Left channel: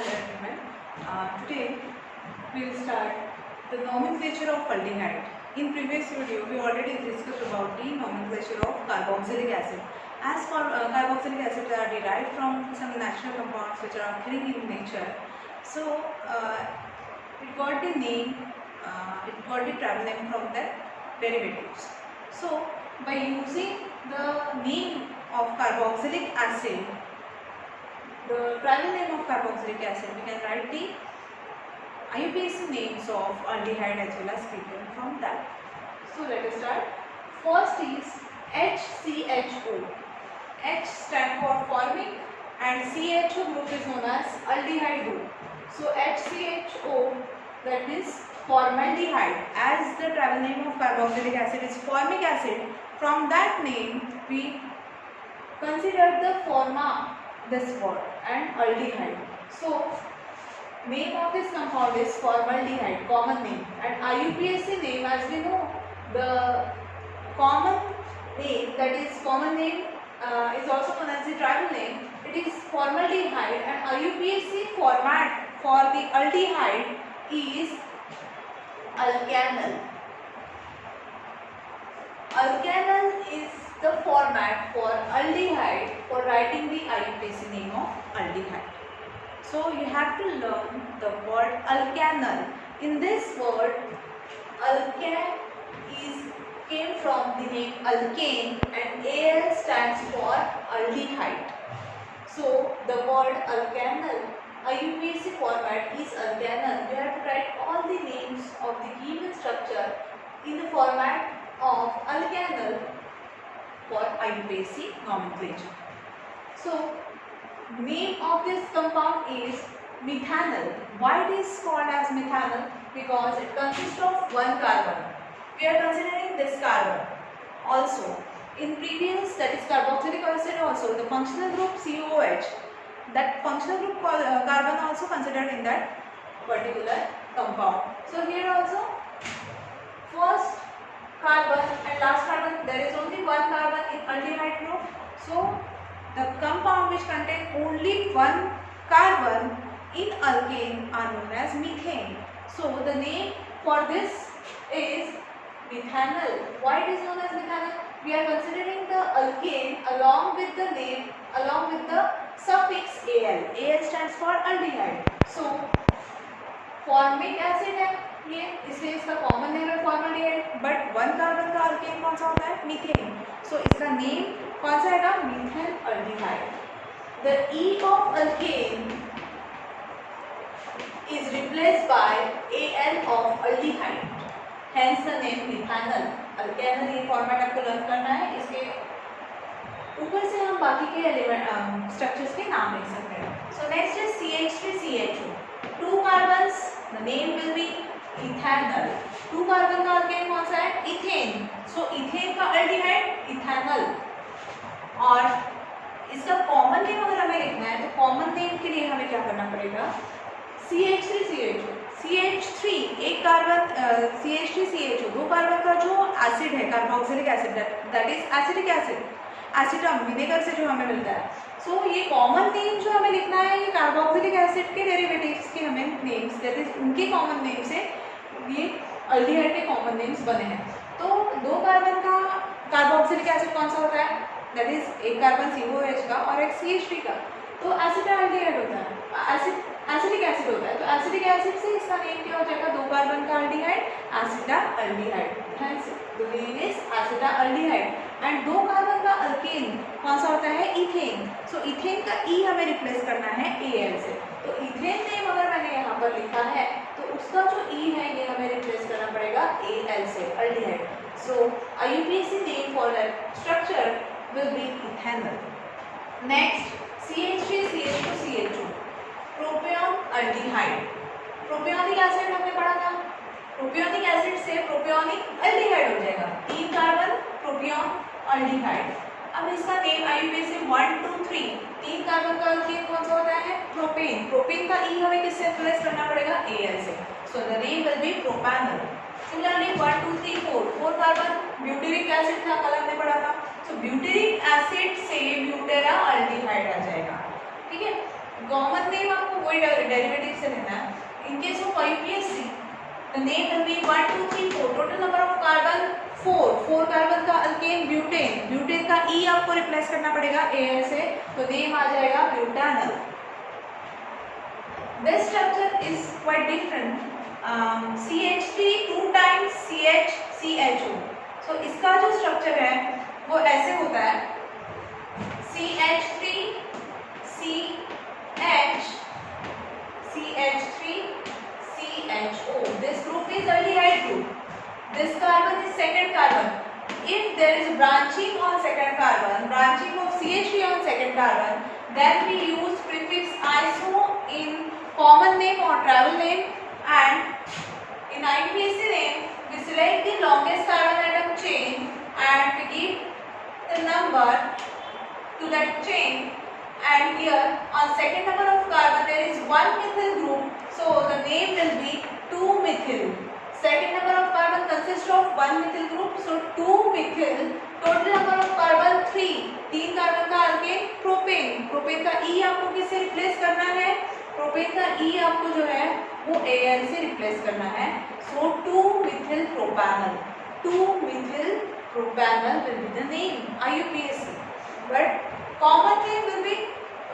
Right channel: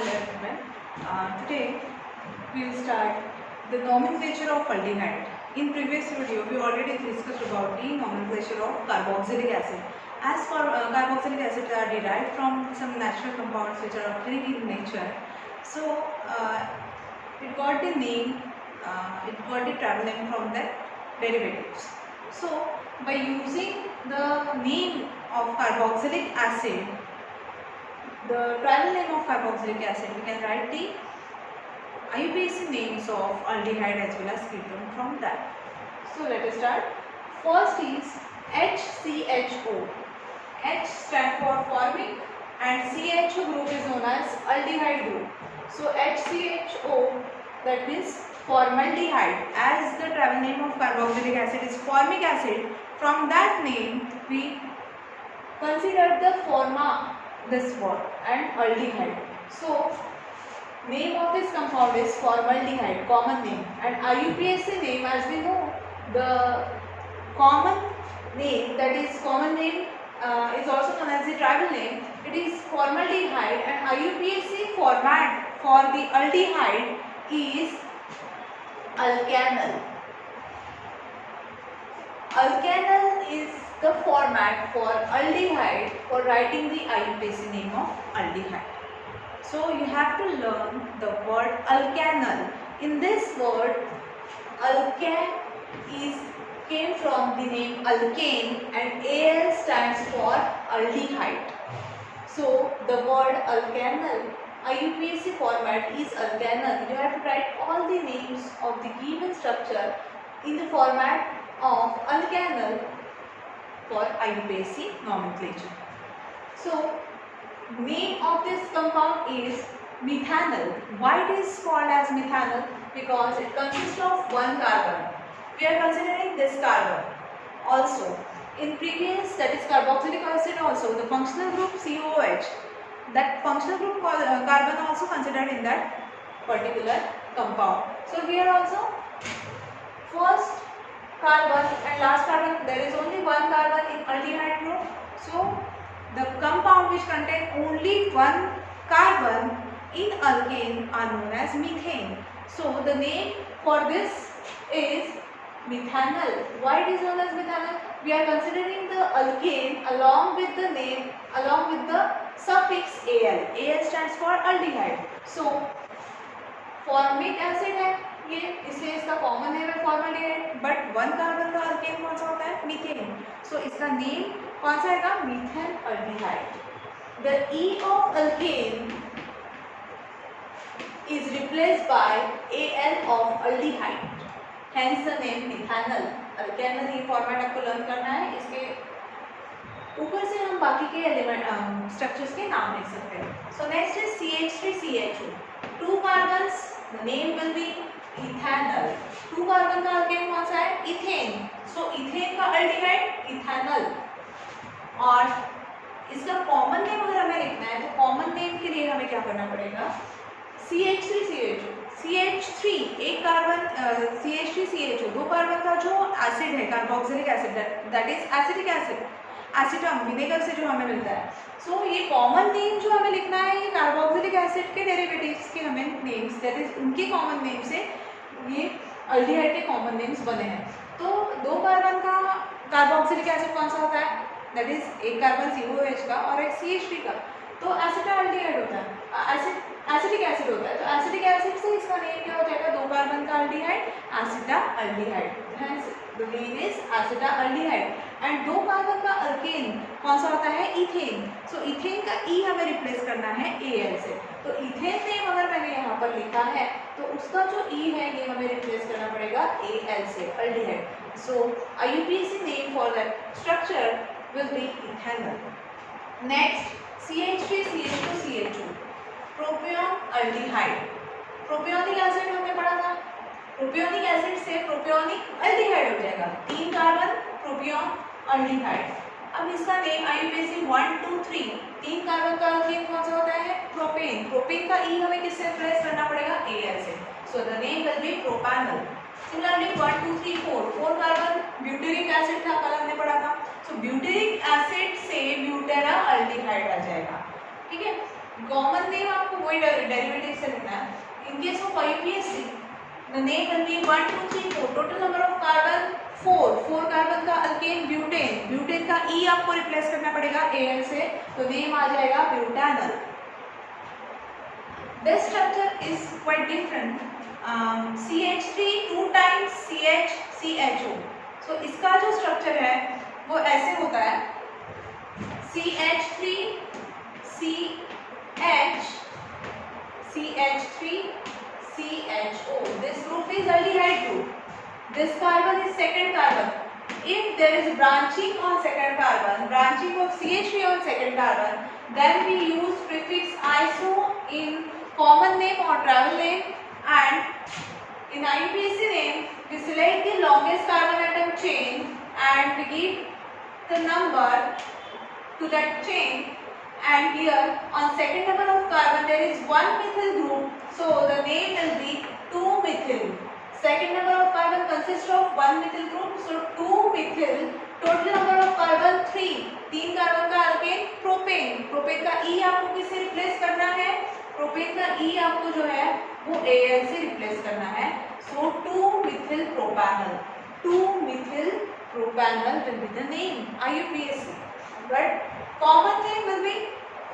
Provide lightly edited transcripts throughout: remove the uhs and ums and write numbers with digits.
Hello everyone. Today we will start the nomenclature of aldehyde. In previous video we already discussed about the nomenclature of carboxylic acid. As for carboxylic acid are derived from some natural compounds which are occurring in nature. So it got the name, it got the travel name from the derivatives. So by using the name of carboxylic acid, the travel name of carboxylic acid, we can write the IUPAC names of aldehyde as well as ketone from that. So let us start. First is HCHO. H stands for formic and CHO group is known as aldehyde group. So HCHO, that is formaldehyde, as the travel name of carboxylic acid is formic acid. From that name we consider the forma, this word, and aldehyde. So name of this compound is formaldehyde, common name, and IUPAC name, as we know, the common name, that is common name is also known as the tribal name. It is formaldehyde, and IUPAC format for the aldehyde is alkanal. Alkanal is the format for aldehyde for writing the IUPAC name of aldehyde. So you have to learn the word alkanal. In this word, alkan came from the name alkane, and Al stands for aldehyde. So the word alkanal, IUPAC format is alkanal. You have to write all the names of the given structure in the format of alkanal for IUPAC nomenclature. So name of this compound is methanol. Why it is called as methanol? Because it consists of one carbon. We are considering this carbon. Also, in previous, that is carboxylic acid, also the functional group COOH, that functional group carbon also considered in that particular compound. So here also first carbon and last carbon, there is only one carbon in aldehyde group. So the compound which contain only one carbon in alkane are known as methane. So the name for this is methanol. Why it is known as methanol? We are considering the alkane along with the name, along with the suffix Al. Al stands for aldehyde. So formic acid है ये, इसलिए इसका common name है formaldehyde, but one carbon का alkane कौन सा होता है? मीथेन. सो इसका नेम कौन सा आएगा? Methane aldehyde. The E of alkane is replaced by Al of aldehyde, hence the name methanal. Alkanal ये फॉर्मेट आपको लर्न करना है. इसके ऊपर से हम बाकी के एलिमेंट स्ट्रक्चर्स के नाम लिख सकते हैं. So next is CH3CHO. To carbons, the name will B ethanol. To carbon का अल्केन कौन सा है? इथेन. सो इथेन का अल्डिहाइड इथेनॉल. और इसका कॉमन नेम अगर हमें लिखना है तो कॉमन नेम के लिए हमें क्या करना पड़ेगा? CH3CHO. CH3 एक कार्बन, CH3CHO दो कार्बन का जो एसिड है carboxylic acid, that is acetic acid, एसिटम vinegar से जो हमें मिलता है. सो ये कॉमन नेम जो हमें लिखना है ये कार्बोक्सिलिक एसिड के डेरिवेटिव्स के हमें नेम्स, दैट इज उनके कॉमन नेम से ये अल्डिहाइड के कॉमन नेम्स बने हैं. तो दो कार्बन का कार्बोक्सिलिक एसिड कौन सा होता है? दैट इज एक कार्बन COOH का और एक CH3 का. तो एसिटाल्डिहाइड होता है, एसिटिक एसिड होता है. तो एसिटिक एसिड से इसका नेम क्या हो जाएगा? दो कार्बन का aldehyde, acetaldehyde. Hence the name is acetaldehyde. And दो कार्बन का अल्केन कौन सा होता है? इथेन. सो इथेन का ई हमें रिप्लेस करना है Al से. तो इथेन नेम अगर मैंने यहाँ पर लिखा है तो उसका जो ई है ये हमें रिप्लेस करना पड़ेगा Al से, aldehyde. So IUPAC name for that structure will be ethanol. Next CH3CH2CH2, propion aldehyde. Propionic acid हमने पढ़ा था. प्रोपियोनिक एसिड से प्रोपियोनिक अल्डिहाइड हो जाएगा. तीन कार्बन प्रोपियन अल्डिहाइड. अब इसका नेम IUPAC 1 2 3, तीन कार्बन का अल्केन कौन सा होता है? प्रोपेन. प्रोपेन का ई हमें किससे रिप्लेस करना पड़ेगा? Al से. So the name will be propanol. Similarly 1 2 3 4, four carbon butyric acid था, कल हमने पढ़ा था. सो ब्यूटेरिक एसिड से ब्यूटेरा अल्डिहाइड आ जाएगा. ठीक है. कॉमन नेम आपको वही डेरिवेटिव से लेना है. In case of IUPAC the name will be 1 2 3 4. total number of carbon 4 carbon का अल्केन ब्यूटेन. ब्यूटेन का E आपको रिप्लेस करना पड़ेगा Al से, तो नेम आ जाएगा butanal. This structure is quite different. CH3 2 times CHO. So इसका जो स्ट्रक्चर है वो ऐसे होता है CH3 CHO. This group is aldehyde group. This carbon is second carbon. If there is branching on second carbon, branching of CH3 on second carbon, then we use prefix iso in common name or travel name, and in IUPAC name we select the longest carbon atom chain and we give the number to that chain, and here on second number of carbon there is one methyl group, so the name will be 2-methyl. Second number of carbon consists of one methyl group, so 2-methyl. total number of carbon 3. 3 carbon का alkane propane. Propane का E आपको किससे replace करना है? Propane का E आपको जो है वो Al से रिप्लेस करना है. So 2-methyl propanol. 2-methyl propanol will be the name IUPAC. But common name will be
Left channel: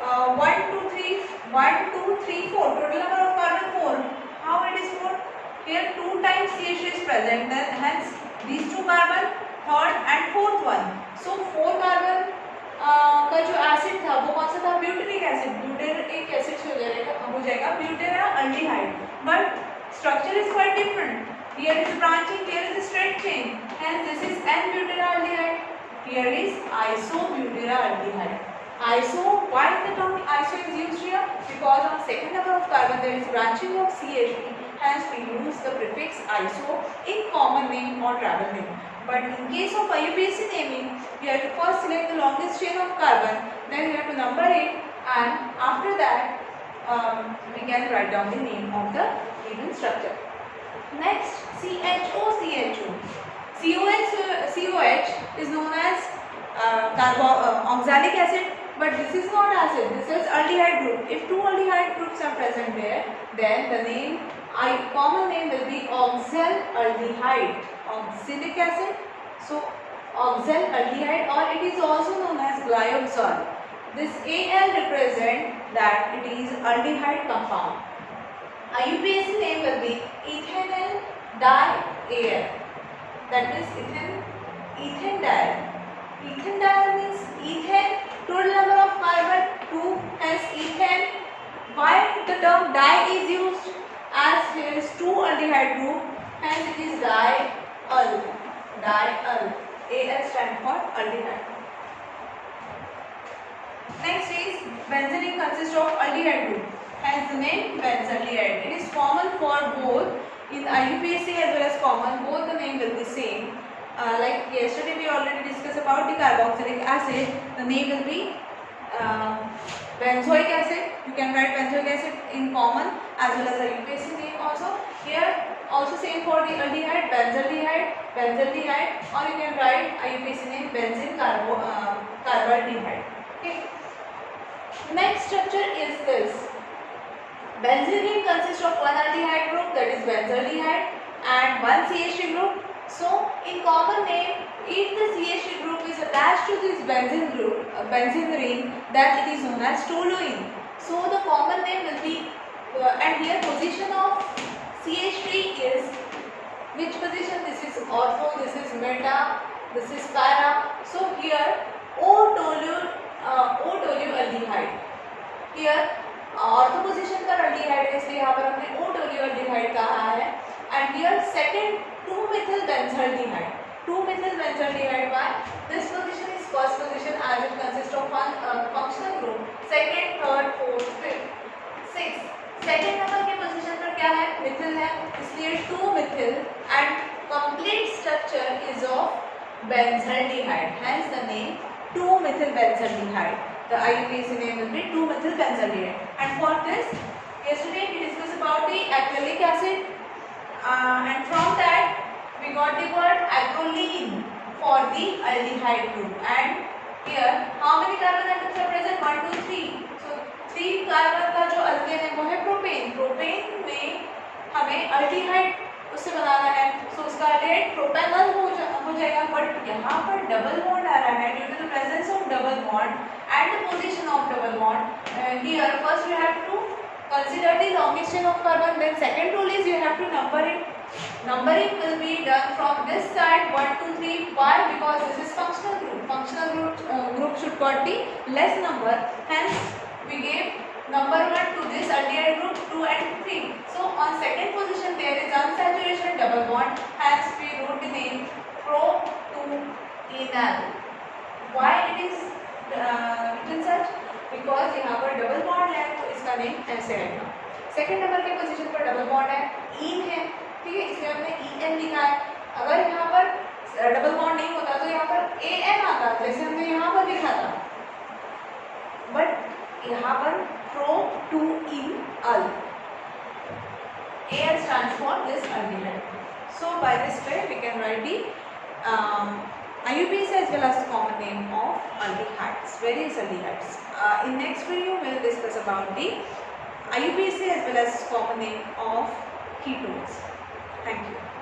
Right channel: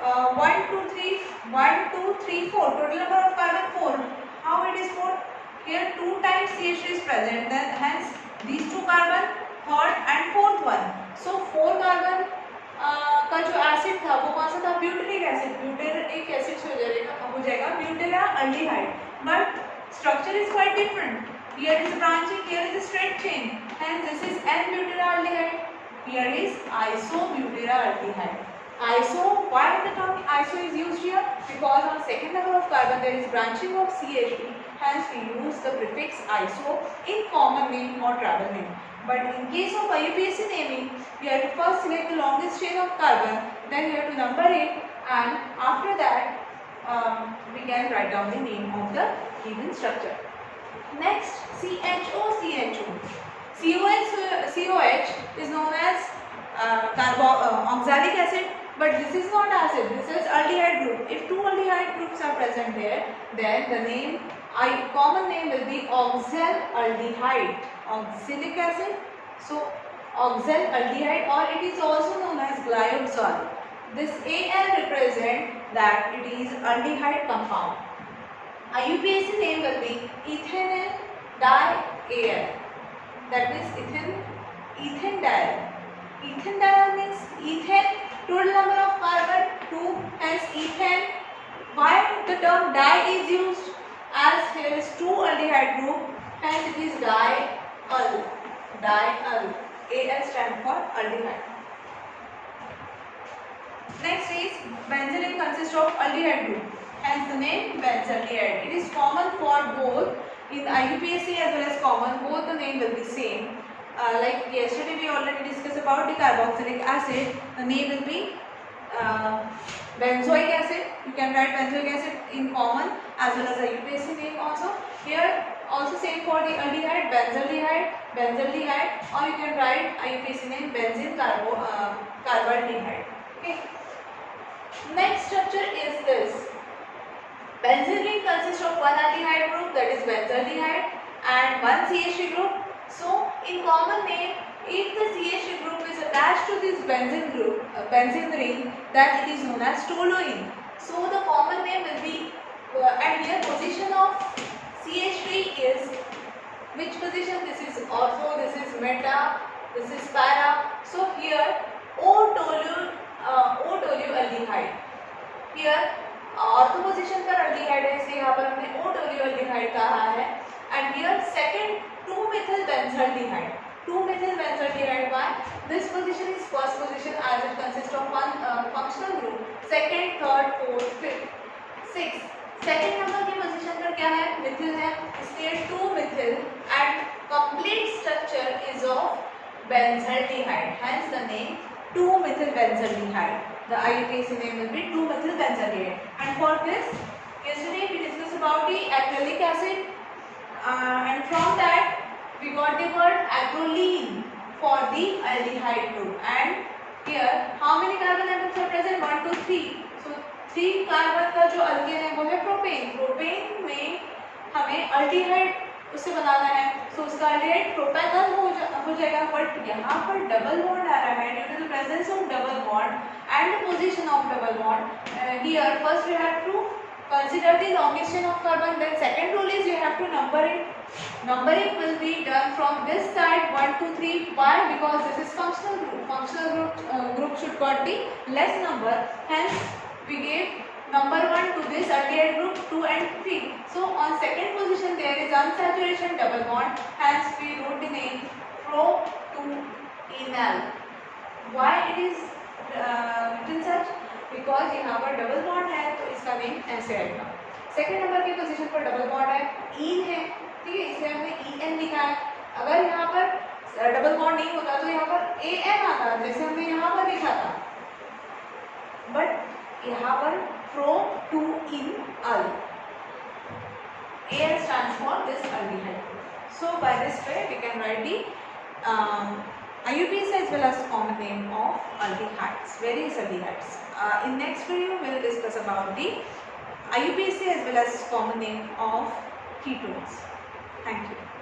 1 2 3 1 2 3 4. total number of carbon 4. How it is 4? Here 2 times CH3 is present, hence these 2 carbon, third and fourth one. So 4 carbon का जो acid था वो कौन सा था? ब्यूटेनिक acid. ब्यूटेनिक acid हो जाएगा butanaldehyde. But structure is quite different. Here is branching, here is a straight chain. Hence this is N-butylaldehyde. Here is isobutylaldehyde. Iso, why the term iso is used here? Because on second number of carbon there is branching of CH3. Hence we use the prefix iso in common name or travel name. But in case of IUPAC naming, we have to first select the longest chain of carbon, then we have to number it, and after that we can write down the name of the given structure. Next, CHO. COH is known as oxalic acid, but this is not acid, this is aldehyde group. If two aldehyde groups are present there, then the name common name will be oxalaldehyde. Oxalic acid, so oxalaldehyde, or it is also known as glyoxal. This Al represent that it is aldehyde compound. IUPAC name will be ethanal dial. That means ethanediol. Ethanediol means ethane, total number of carbon 2, hence ethane. Why the term di is used? As here is 2 aldehyde group, hence it is dial. Al stand for aldehyde. Next is benzene consists of aldehyde group, hence the name benzaldehyde. It is common for both in IUPAC as well as common, both the name will be same. Like yesterday we already discussed about the carboxylic acid, the name will be benzoic acid. You can write benzoic acid in common as well as IUPAC name also. Here also same for the aldehyde, benzaldehyde, or you can write IUPAC name benzene carbaldehyde. Okay. Next structure is this. Benzene ring consists of one aldehyde group, that is benzaldehyde, and one CH3 group. So in common name, if the CH3 group is attached to this benzene group, benzene ring, that it is known as toluene. So the common name will be, and here position of CH3 is which position? This is ortho, this is meta, this is para. So here O-tolualdehyde. Here ortho position पर aldehyde है, इसलिए यहाँ पर हमने O-tolualdehyde कहा है. And here second 2-methyl benzaldehyde. 2-methyl benzaldehyde. Why? This position is first position as it consists of one functional group. Second, third, fourth, fifth, sixth. Second number के position पर क्या है? मिथिल है, इसलिए 2-methyl and complete structure is of benzaldehyde. Hence the name 2-methyl benzaldehyde. The IUPAC name will be 2-methyl benzaldehyde. And for this, yesterday we discussed about the acrylic acid, and from that we got the word acrolein for the aldehyde group. And here how many carbon atoms are present? 1 2 3. So 3 carbon का जो alkane है वो है propane. Propane में हमें aldehyde उससे बनाना है, सो उसका अल्डिहाइड प्रोपेनॉल हो जाएगा। बट यहाँ पर डबल बॉन्ड आ रहा है due to the presence of double bond and the position of double bond. Here first we have to consider the longest chain of carbon, then second rule is you have to number it. Numbering will be done from this side 1 2 3. Why? Because this is functional group. Functional group should got the less number, hence we gave number 1 to this aldehyde group 2 and 3. So on second position there is unsaturation double bond, hence we wrote the name pro-2-enal. Why it is written such? Because यहाँ पर double bond है तो इसका name ऐसे आएगा। Second number के position पर double bond है, ईन है, ठीक है, इसलिए हमने ई एन लिखा है। अगर यहाँ पर डबल बॉन्ड नहीं होता तो यहाँ पर ए एन आता, जैसे हमने यहाँ पर लिखा था, बट यहाँ पर pro to in al, A L stands for this aldehyde. So by this way we can write the IUPAC as well as the common name of aldehydes, various aldehydes. In next video we will discuss about the IUPAC as well as common name of ketones. Thank you.